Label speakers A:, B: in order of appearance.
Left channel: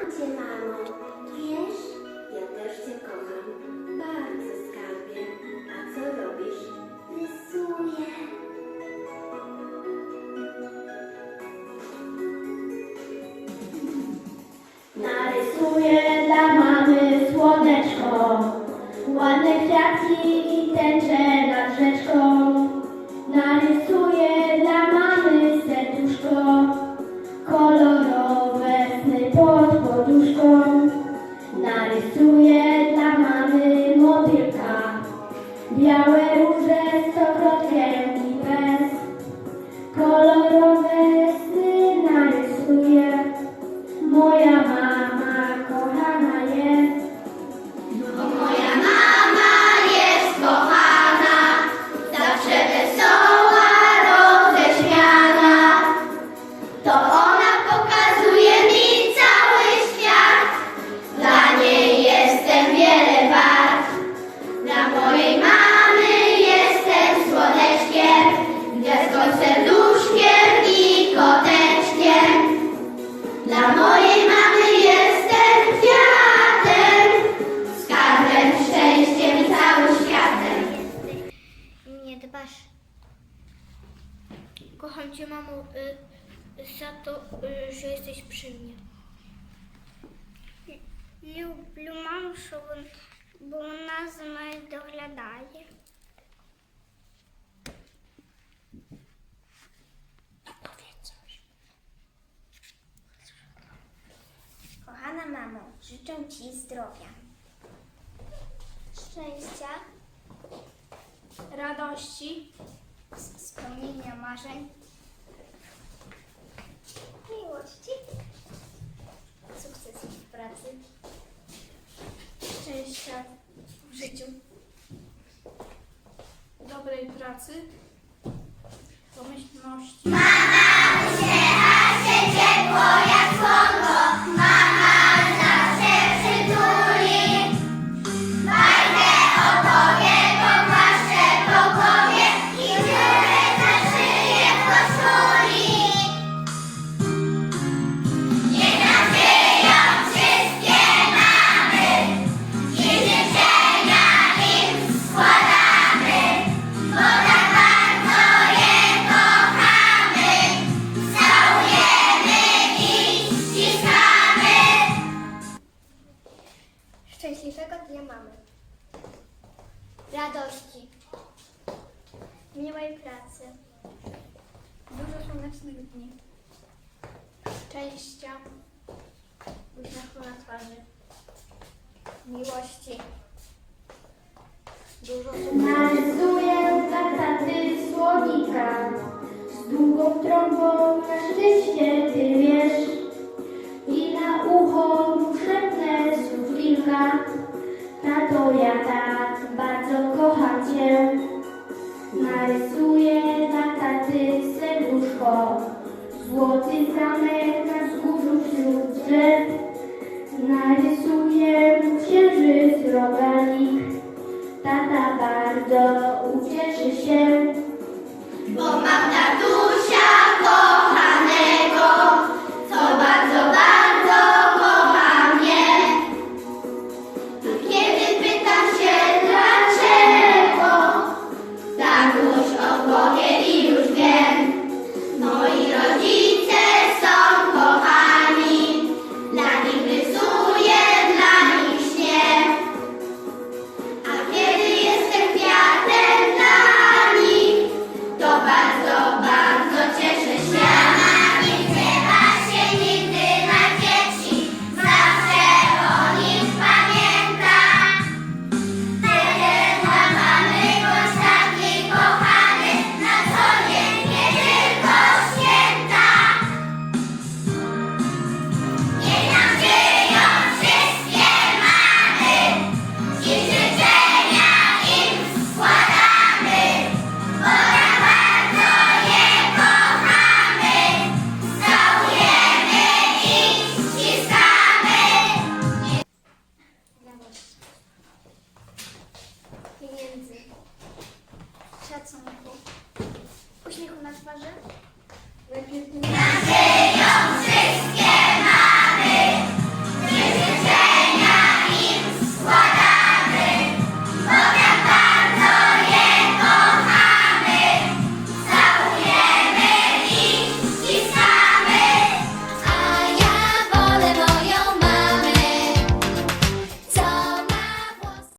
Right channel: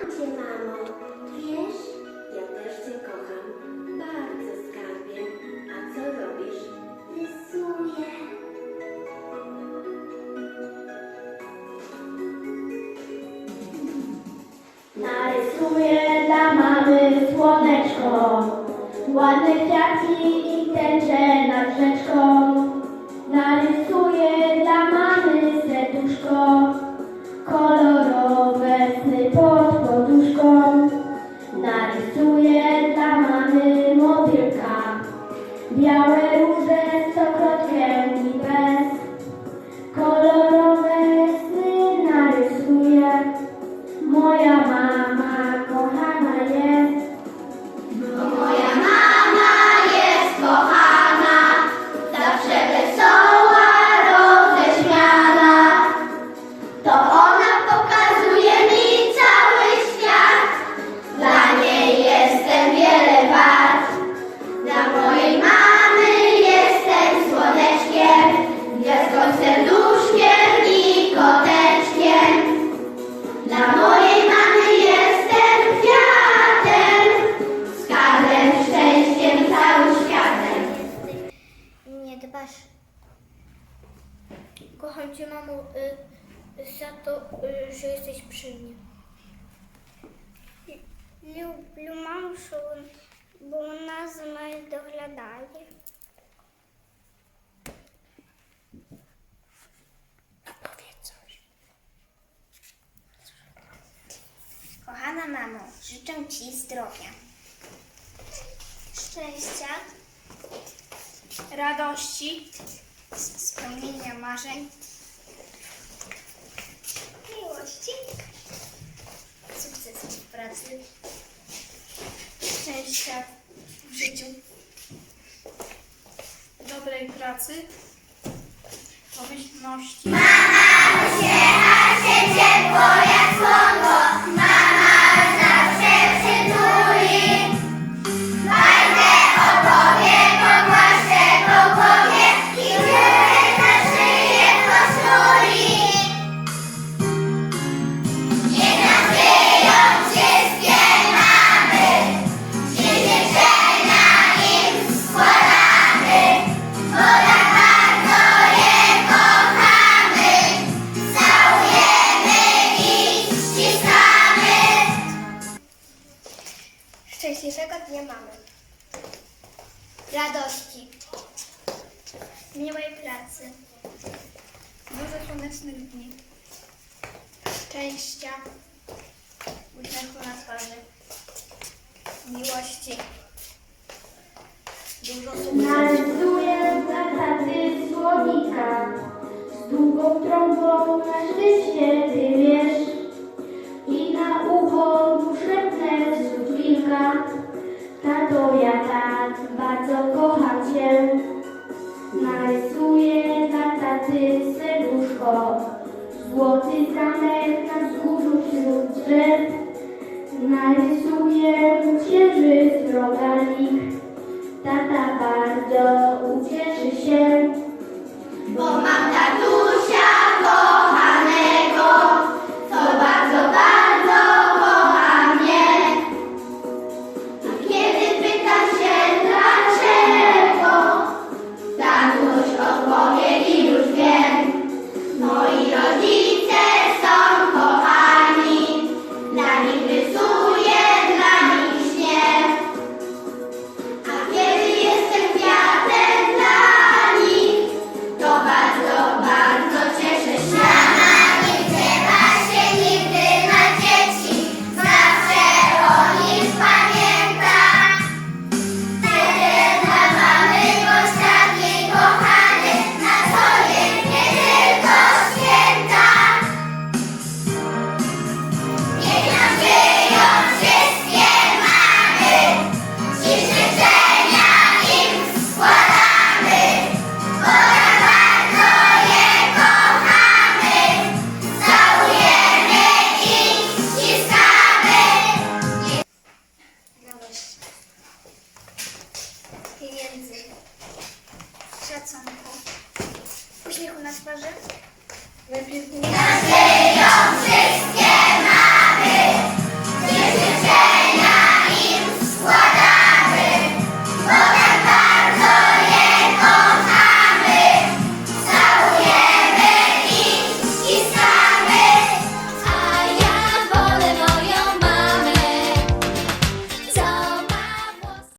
A: Cię, mamo. Wiesz? Ja też cię kocham. Bardzo skarbie. A co robisz? Rysuję.
B: Narysuję dla mamy słoneczko, ładne kwiatki i tęcze nad rzeczką. Narysuję dla mamy serduszko,
C: Kocham cię, mamo, y, za to, y, że jesteś przy mnie. Люблю маму, що вон- бо вона за мною доглядає. Kochana mamo, życzę Ci zdrowia, szczęścia, radości, spełnienia marzeń, miłości, sukcesów w pracy, szczęścia w życiu,
D: dobrej pracy, pomyślności.
E: Ciepło
C: dnia mamy, radości, miłej pracy, dużo słonecznych dni, szczęścia, uśmiechu na twarzy, miłości, dużo
B: dla taty słonika z długą trąbą na szczęście ty wiesz. I na ucho mu szepnę z. Tato, ja tak bardzo kocham cię. Narysuję dla taty serduszko, złoty zamek na wzgórzu wśród drzew. Narysuję mu księżyc roganik. Tata bardzo ucieszy się.
E: Bo mam tatusia ні внизу. pieniędzy, szacunku, uśmiechu na twarzy. Najpierw nie. wszystkie!